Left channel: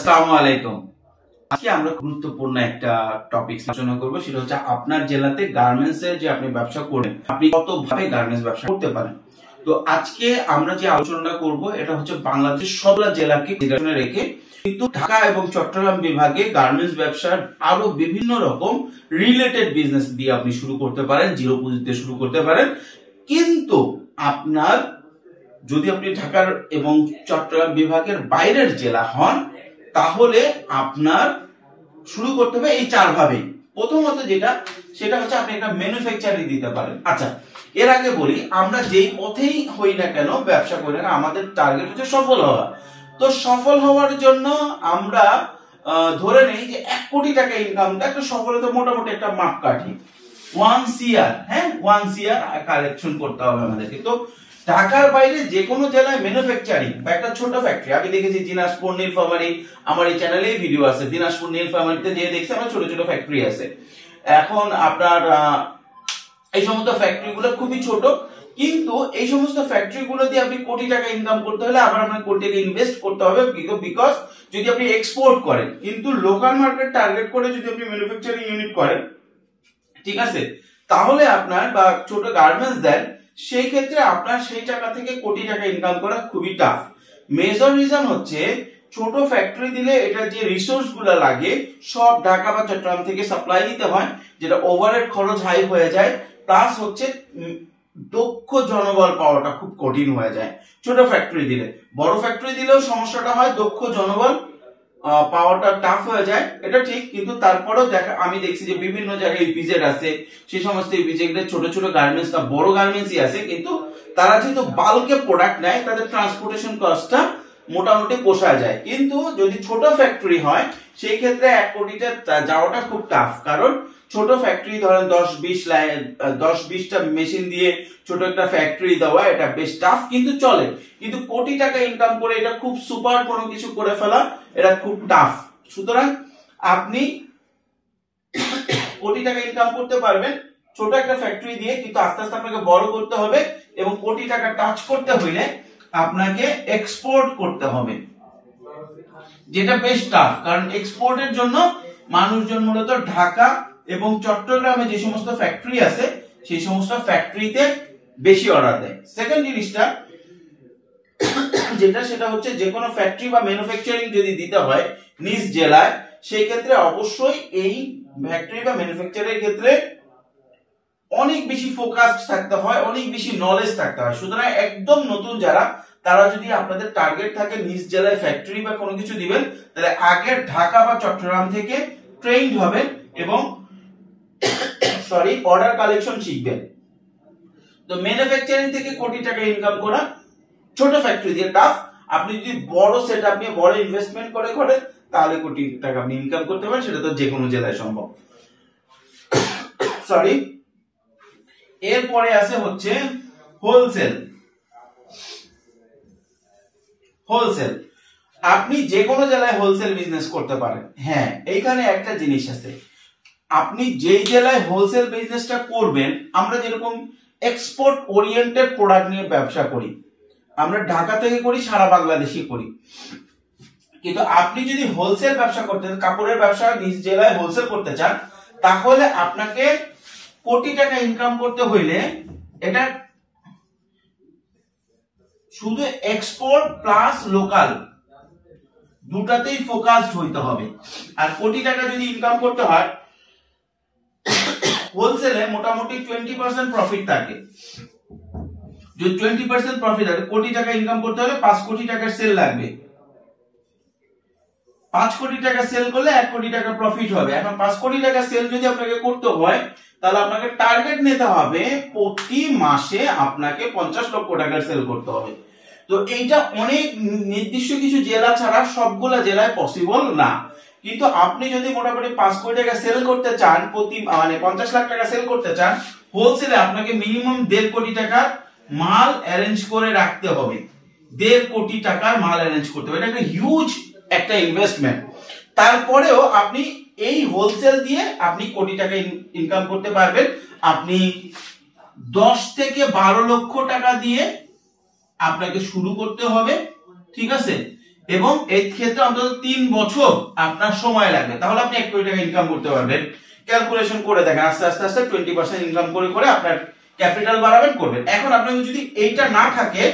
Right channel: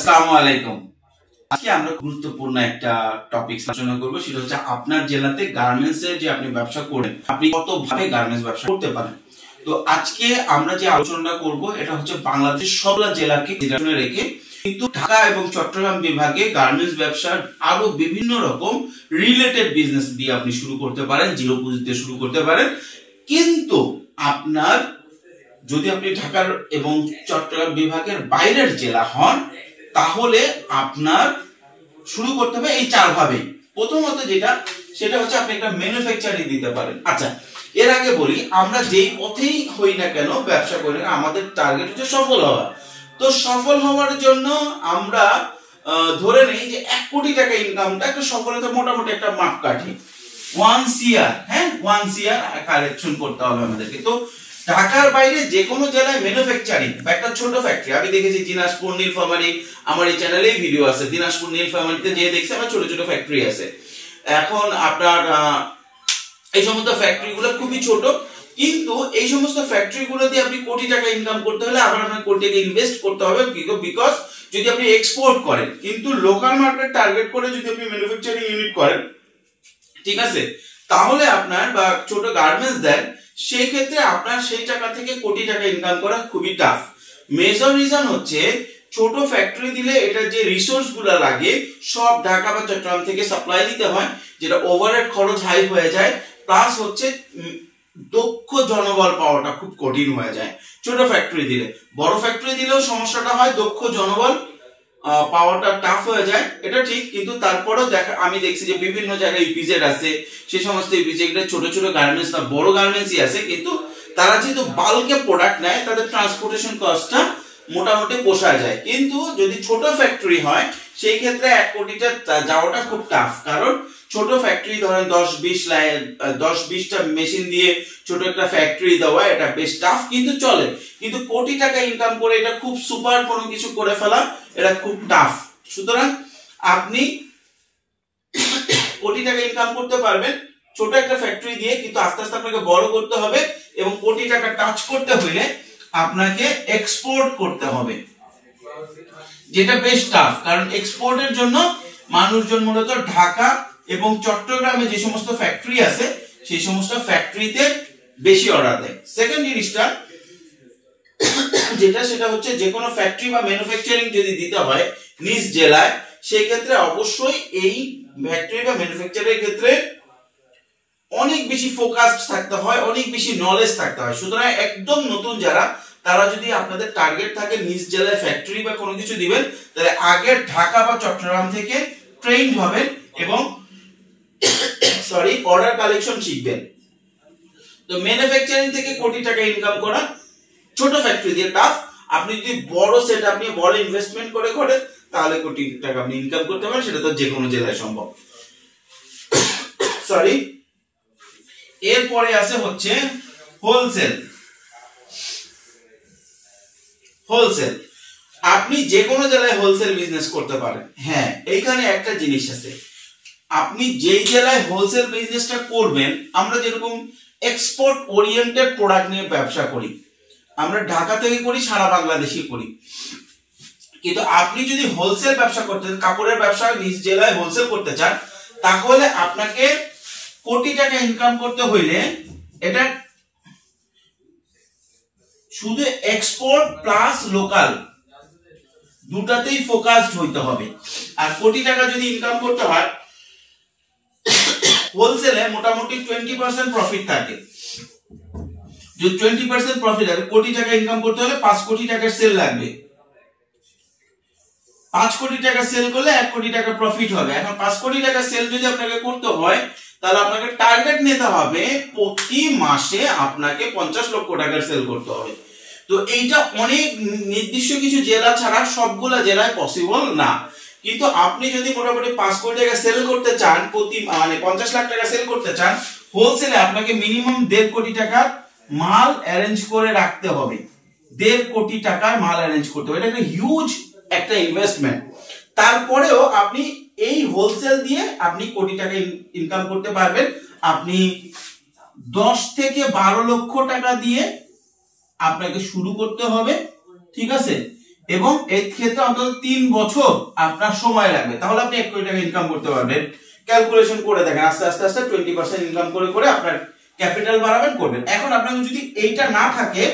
আসসালামু আলাইকুম। আজকে আমরা গুরুত্বপূর্ণ একটা টপিক আলোচনা করব, সেটা হচ্ছে আপনার জেলাতে গার্মেন্টস এর যে আপনি ব্যবসা করেন, আপনি কতভাবে গার্মেন্টস ব্যবসা করতে পারেন। তো আজকে আমরা যে আলোচনাটা করব এটা হচ্ছে বাংলাদেশের সবগুলা জেলাকে নির্ধারণে রেখে, কিন্তু ঢাকা এবং চট্টগ্রাম বিভাগে গার্মেন্টস ব্যবসার আরো বিভিন্ন রকম রিলেটেড বিজনেস দিয়ে আপনি শুরু করতে পারেন, জিরো পুঁজিতে শুরু করতে পারেন। কিন্তু আপনার যদি আপনি ঢাকার এবং চট্টগ্রাম বিভাগের বাইরের জেলা হন, তাহলে আপনার শুরু করতে হবে এই চার ভাবে। প্রথমত সেটা হচ্ছে আপনি একটা ম্যানুফ্যাকচারিং দিতে পারেন। আচ্ছা, এর আগে বলি, আমরা যেই পথেই হই না কেন, ব্যবসা করি না, আমাদের টার্গেট হচ্ছে সফল হওয়া। তো সফল হওয়ার জন্য আমরা ধরে নেই যে 1 কোটি টাকা ইনকামটা একটা সফলতা, মোটামুটি একটা মাপকাঠি। 1 CR, হ্যাঁ 1 CR কালেকশন করতে হবে আমাদেরকে। তো ঢাকার বাইরে যে কোনো জেলায় ম্যানুফ্যাকচারিং বা একটা ছোট ফ্যাক্টরি, আমি দেখেছি দিনাজপুর, নীলফামারী, আমার এই চ্যানেলেই ভিডিও আছে, দিনাজপুর নীলফামারীতে যে দেখছি আমার ছোট ছোট ফ্যাক্টরি আছে। এখন আপনার এই সমস্ত ফ্যাক্টরি গুলো খুবই ছোট, কিন্তু এই সমস্ত ফ্যাক্টরি গুলো দিয়ে আপনি কোটি টাকা ইনকাম করতে হলে আবার আপনার কোটি টাকা ইনভেস্ট করতে হবে, বিকজ যদি আপনি এক্সপোর্ট করেন। কিন্তু লোকাল মার্কেট টার্গেট করে যদি আপনি ম্যানুফ্যাকচারিং ইউনিট করেন, ঠিক আছে, তাহলে আপনার বা ছোট গার্মেন্টস দেন, সেই ক্ষেত্রে আপনার সেই টাকা থেকে কোটি টাকা ইনকাম করা খুবই টাফ। মেজর রিজন হচ্ছে ছোট ফ্যাক্টরি দিলে এটা যে রিসোর্স গুলো লাগে সব ঢাকা বা চট্টগ্রাম থেকে সাপ্লাই দিতে হয়, যেটা ওভারহেড খরচ হাই হয়ে যায়। প্লাস হচ্ছে দক্ষ জনবল পাওয়াটা খুব কঠিন হয়ে যায় ছোট ফ্যাক্টরি দিলে। বড় ফ্যাক্টরি দিলেও সমস্যাটা হয়, দক্ষ জনবল পাওয়াটা টাফ হয়ে যায়, এটা ঠিক। কিন্তু তারপরেও আমি দেখছি যে বিভিন্ন জায়গায় ইপিজেড আছে, সেই সমস্ত ইপিজেডের ছোট ছোট গার্মেন্টস না বড় গার্মেন্টসই আছে, কিন্তু তারা যেহেতু বাল্কে প্রোডাক্ট নেয়, তাদের ট্রান্সপোর্টেশন কস্টটা মোটামুটি পোষায় যায়। কিন্তু যদি ছোট ফ্যাক্টরি হয়, সেই ক্ষেত্রে 1 কোটিটা যাওয়াটা খুব টাফ। কারণ ছোট ফ্যাক্টরি ধরেন 10-20টা মেশিন দিয়ে ছোট একটা ফ্যাক্টরি দেওয়া, এটা বেশ টাফ, কিন্তু চলে। কিন্তু কোটি টাকা ইনকাম করে এটা খুব সুপার কোনো কিছু করে ফেলা, এটা খুব টাফ। সুতরাং আপনি কোটি টাকা ইনকাম করতে পারবেন ছোট একটা ফ্যাক্টরি দিয়ে, কিন্তু আস্তে আস্তে আপনাকে বড় করতে হবে এবং কোটি টাকা টাচ করতে হইলে আপনাকে এক্সপোর্ট করতে হবে, যেটা বেশ টাফ। কারণ এক্সপোর্টের জন্য মানুষজন মূলত ঢাকা এবং চট্টগ্রামে যে সমস্ত ফ্যাক্টরি আছে সেই সমস্ত ফ্যাক্টরিতে বেশি অর্ডার দেয়। সেকেন্ড জিনিসটা সেটা হচ্ছে যে কোনো ফ্যাক্টরি বা ম্যানুফ্যাকচারিং যদি দিতে হয় নিজ জেলায়, সেই ক্ষেত্রে অবশ্যই এই ফ্যাক্টরি বা ম্যানুফ্যাকচারের ক্ষেত্রে অনেক বেশি ফোকাসড থাকতে হয়, অনেক বেশি নলেজ থাকতে হয়। সুতরাং একদম নতুন যারা, তারা যদি আপনাদের টার্গেট থাকে নিজ জেলায় ফ্যাক্টরি বা কোনো কিছু দিবেন, তাহলে আগে ঢাকা বা চট্টগ্রাম থেকে ট্রেইনড হবেন এবং অর্ডার কালেকশন শিখবেন। তো ম্যানুফ্যাকচারিং থেকে কোটি টাকা ইনকাম করা ছোট ফ্যাক্টরি দিয়ে টাফ। আপনি যদি বড় সেটআপ নিয়ে বড় ইনভেস্টমেন্ট করে তাহলে কোটি টাকা আপনি ইনকাম করতে পারেন, সেটা তো যে কোনো জেলায় সম্ভব। এরপরে আছে হচ্ছে হোলসেল। আপনি যে কোনো জেলায় হোলসেল বিজনেস করতে পারেন। হ্যাঁ, এইখানে একটা জিনিস আছে, আপনি যেই জেলায় হোলসেল বিজনেসটা করবেন, আমরা যেরকম এক্সপোর্ট ওরিয়েন্টেড প্রোডাক্ট নিয়ে ব্যবসা করি, আমরা ঢাকা থেকে করি, সারা বাংলাদেশে করি। কিন্তু আপনি যদি হোলসেল ব্যবসা করতে চান, কাপড়ের ব্যবসা নিজ জেলায় হোলসেল করতে চান, তাহলে আপনাকে কোটি টাকা ইনকাম করতে হইলে এটা শুধু এক্সপোর্ট প্লাস লোকাল দুটাতেই ফোকাসড হইতে হবে। আর কোটি টাকা যদি ইনকাম করতে হয়, হোলসেলে মোটামুটি 20% প্রফিট থাকে। যদি 20% প্রফিট থাকে, কোটি টাকা ইনকাম করতে হলে 5 কোটি টাকার সেল লাগবে। 5 কোটি টাকা সেল করলে 1 কোটি টাকা প্রফিট হবে। এখন 5 কোটি টাকা সেল যদি আপনাকে করতে হয়, তাহলে আপনাকে টার্গেট নিতে হবে প্রতি মাসে আপনাকে 50 লক্ষ টাকার সেল করতে হবে। তো এইটা অনেক নির্দিষ্ট কিছু জেলা ছাড়া সবগুলা জেলায় পসিবল না। কিন্তু আপনি যদি মোটামুটি 5 কোটি টাকা সেল করতে চান, প্রতি 50 লাখ টাকা সেল করতে চান, হোলসেলে আপনাকে মিনিমাম 1.5 কোটি টাকার মাল অ্যারেঞ্জ করে রাখতে হবে। 1.5 কোটি টাকার মাল অ্যারেঞ্জ করতে হবে, এটা একটা হিউজ একটা ইনভেস্টমেন্ট। তারপরেও আপনি এই হোলসেল দিয়ে আপনি কোটি টাকা ইনকাম করতে পারবেন। আপনি 10 থেকে 12 লক্ষ টাকা দিয়ে আপনাকে শুরু করতে হবে, ঠিক আছে। এবং এই ক্ষেত্রে অন্তত 3 বছর আপনার সময় লাগবে, তাহলে আপনি 1 কোটি টাকা ইনকাম করতে পারবেন। ক্যালকুলেশন করে দেখেন, আস্তে আস্তে আস্তে 20% ইনকাম করে করে আপনার ক্যাপিটাল বাড়াবেন করবেন। এখন আপনাকে যদি এইটা না থাকে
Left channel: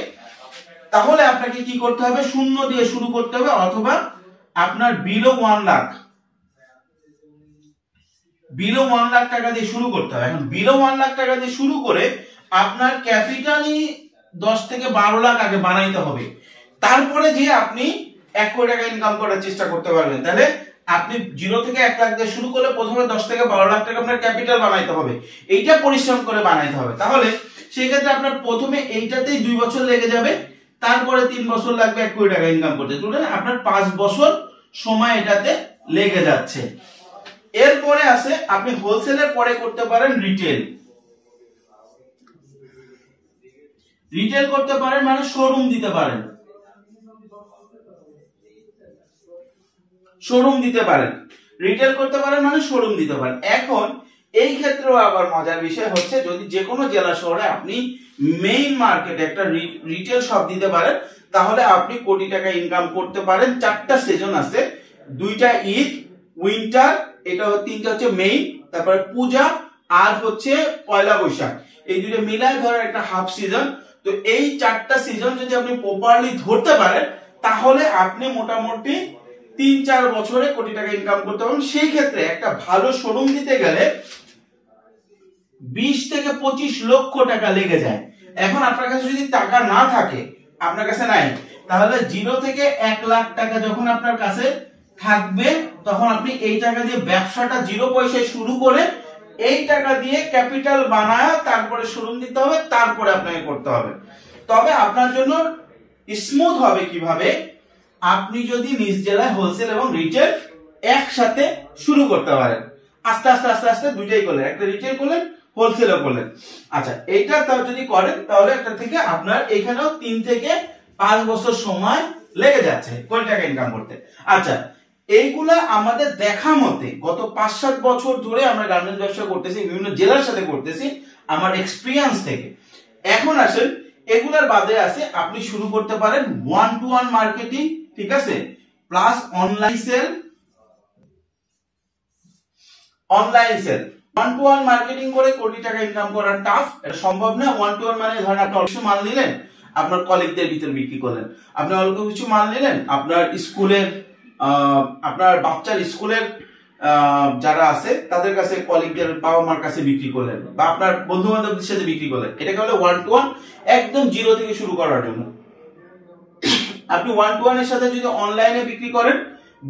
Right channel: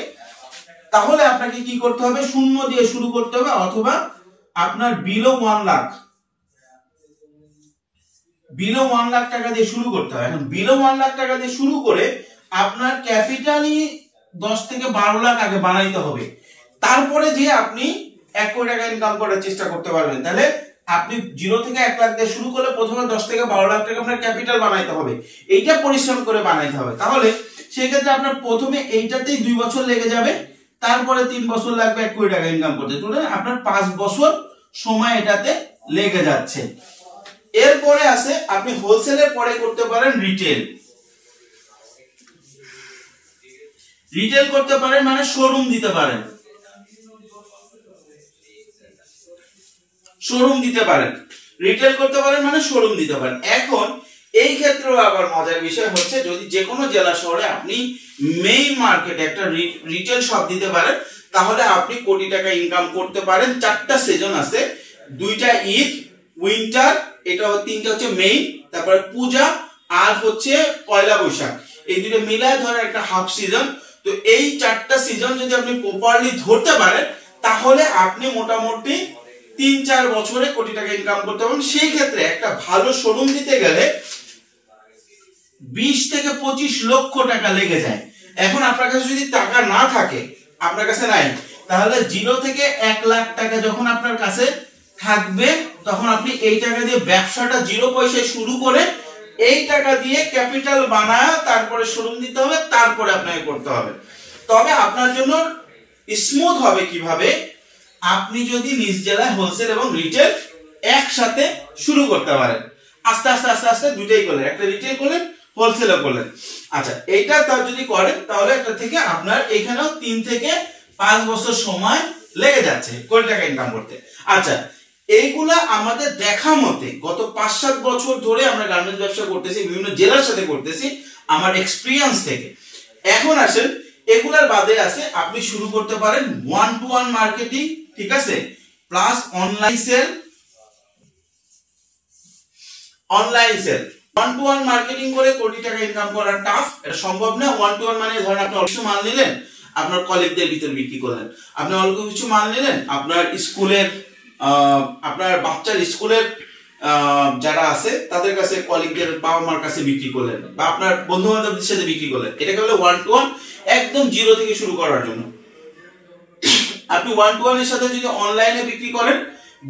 তাহলে আপনাকে কি করতে হবে, শূন্য দিয়ে শুরু করতে হবে, অথবা আপনার বিলো 1 লাখ টাকা দিয়ে শুরু করতে হবে। এখন বিলো 1 লাখ টাকা দিয়ে শুরু করে আপনার ক্যাপিটালই 10 থেকে 12 লাখ আগে বানাইতে হবে, তারপরে যে আপনি 1 কোটি টাকা ইনকাম করার চেষ্টা করতে পারবেন। তাহলে আপনি 0 থেকে 1 লাখ দিয়ে শুরু করলে প্রথমে 10 থেকে 12 লাখ টাকা আপনার ক্যাপিটাল বানাইতে হবে, এইটা পরিশ্রম করে বানাইতে হবে। তাহলে সেই ক্ষেত্রে আপনার প্রথমে এইটাতেই 2 বছর লেগে যাবে, তারপরে 3 বছর লাগবে 1 কোটি টাকা ইনকাম করতে, তাহলে আপনার 5 বছর সময় এটাতে লেগে যাচ্ছে। এরপরে আছে আপনি হোলসেলের পরে করতে পারেন রিটেল। রিটেল করতে পারেন মানে শোরুম দিতে পারেন, রিটেল করতে পারেন মানে শোরুম দিতে পারেন। এখন এই ক্ষেত্রেও আবার মজার বিষয় হচ্ছে, যদি যে কোনো জেলা শহরে আপনি মেইন মার্কেটে একটা রিটেল শপ দিতে পারেন, তাহলে আপনি কোটি টাকা ইনকাম করতে পারেন। 4টা সিজন আছে, 2টা ঈদ, উইন্টার, এটা 3টা হচ্ছে মেইন, তারপরে পূজা আর হচ্ছে পয়লা বৈশাখ, এই দুটো মিলায় ধরে একটা হাফ সিজন। তো এই 4টা সিজন যদি আপনি প্রপারলি ধরতে পারেন তাহলে আপনি মোটামুটি 3-4 বছরে কোটি টাকা ইনকাম করতে পারবেন। সেই ক্ষেত্রে একটা ভালো শোরুম দিতে গেলে 20 থেকে 25 লক্ষ টাকা লেগে যায়। এখন আপনার কাছে যদি টাকা না থাকে, আপনার কাছে নাই, তাহলে 0 থেকে 1 লাখ টাকা যখন আপনার কাছে থাকবে তখন আপনি এই টাকা দিয়ে ব্যবসাটা 0 পয়সায় শুরু করে এই টাকা দিয়ে ক্যাপিটাল বানায় তারপরে শোরুম দিতে হবে, তারপরে আপনাকে করতে হবে। তবে আপনার জন্য স্মুথ হবে কিভাবে, আপনি যদি নিজ জেলায় হোলসেল এবং রিটেল একসাথে শুরু করতে পারেন, আস্তে আস্তে আস্তে আস্তে দুইটাই করলেন, একটা রিটেল করলেন, হোলসেলও করলেন। আচ্ছা, এইটা তার যদি করেন তাহলে একটা থেকে আপনার এখানেও 3 থেকে 5 বছর সময় লেগে যাচ্ছে কোটি টাকা ইনকাম করতে। আচ্ছা, এইগুলা আমাদের দেখা মতে গত 5-7 বছর ধরে আমরা গার্মেন্টস ব্যবসা করতেছি, বিভিন্ন জেলার সাথে করতেছি আমার এক্সপিরিয়েন্স থেকে। এখন আসেন এগুলার বাদে আছে আপনি শুরু করতে পারেন 1-to-1 মার্কেটিং, ঠিক আছে, plus online sale. 1-to-1 marketing করে কোটি টাকা ইনকাম করা টাফ, এটা সম্ভব না। 1-to-1 মানে ধরেন আপনি অল্প কিছু মাল নিলেন, আপনার কলিগদের ভিতর বিক্রি করলেন, আপনি অল্প কিছু মাল নিলেন, আপনার স্কুলের আপনার বাচ্চার স্কুলের যারা আছে তাদের কাছে, কলিগদের বাবা মার কাছে বিক্রি করলেন, বা আপনার বন্ধু বান্ধবদের সাথে বিক্রি করলেন। এটাকে বলে 1-to-1, একদম 0 থেকে শুরু করার জন্য। আপনি 1-to-1 এর সাথে যদি অনলাইনে বিক্রি করেন,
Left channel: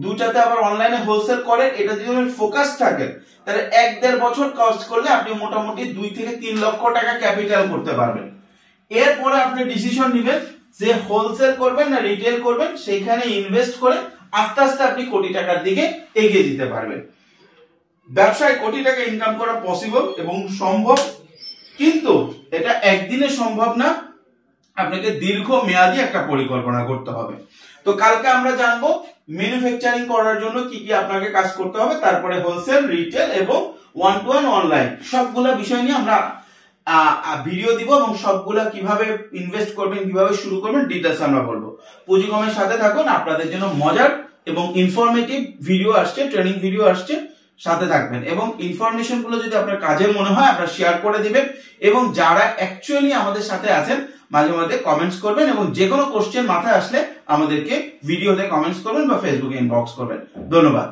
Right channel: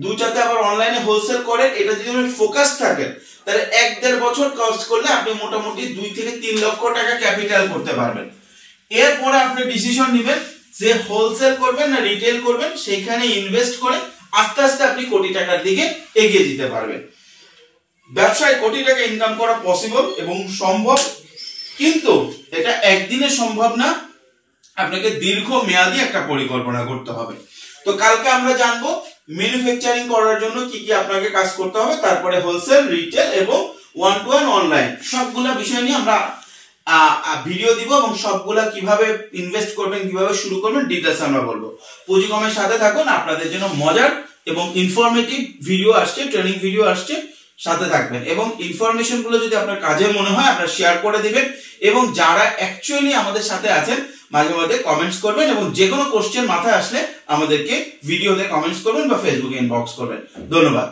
দুটাতে আবার অনলাইনে হোলসেল করেন, এটা যদি ফোকাস থাকে তাহলে 1-1.5 বছর কাজ করলে আপনি মোটামুটি 2 থেকে 3 লক্ষ টাকা ক্যাপিটাল করতে পারবেন। এরপরে আপনি ডিসিশন নেবেন যে হোলসেল করবেন না রিটেল করবেন, সেইখানে ইনভেস্ট করে আস্তে আস্তে আপনি কোটি টাকার দিকে এগিয়ে যেতে পারবেন। ব্যবসায় কোটি টাকা ইনকাম করা পসিবল এবং সম্ভব, কিন্তু এটা একদিনে সম্ভব না, আপনাকে দীর্ঘ মেয়াদী একটা পরিকল্পনা করতে হবে। তো কালকে আমরা জানবো ম্যানুফ্যাকচারিং করার জন্য কি কি আপনাকে কাজ করতে হবে, তারপরে হোলসেল, রিটেল এবং 1-to-1 অনলাইন, সবগুলা বিষয় নিয়ে আমরা ভিডিও দিব এবং সবগুলা কিভাবে ইনভেস্ট করবেন, কিভাবে শুরু করবেন, ডিটেইলস আমরা বলবো। পুঁজিকমের সাথে থাকুন, আপনাদের জন্য মজার এবং ইনফরমেটিভ ভিডিও আসছে, ট্রেনিং ভিডিও আসছে, সাথে থাকবেন। এবং ইনফরমেশন গুলো যদি আপনার কাজে মনে হয় আপনারা শেয়ার করে দিবেন, এবং যারা অ্যাকচুয়ালি আমাদের সাথে আছেন মাঝে মধ্যে কমেন্টস করবেন, এবং যে কোনো কোশ্চেন মাথায় আসলে আমাদেরকে ভিডিওতে কমেন্টস করবেন বা ফেসবুকে ইনবক্স করবেন। ধন্যবাদ।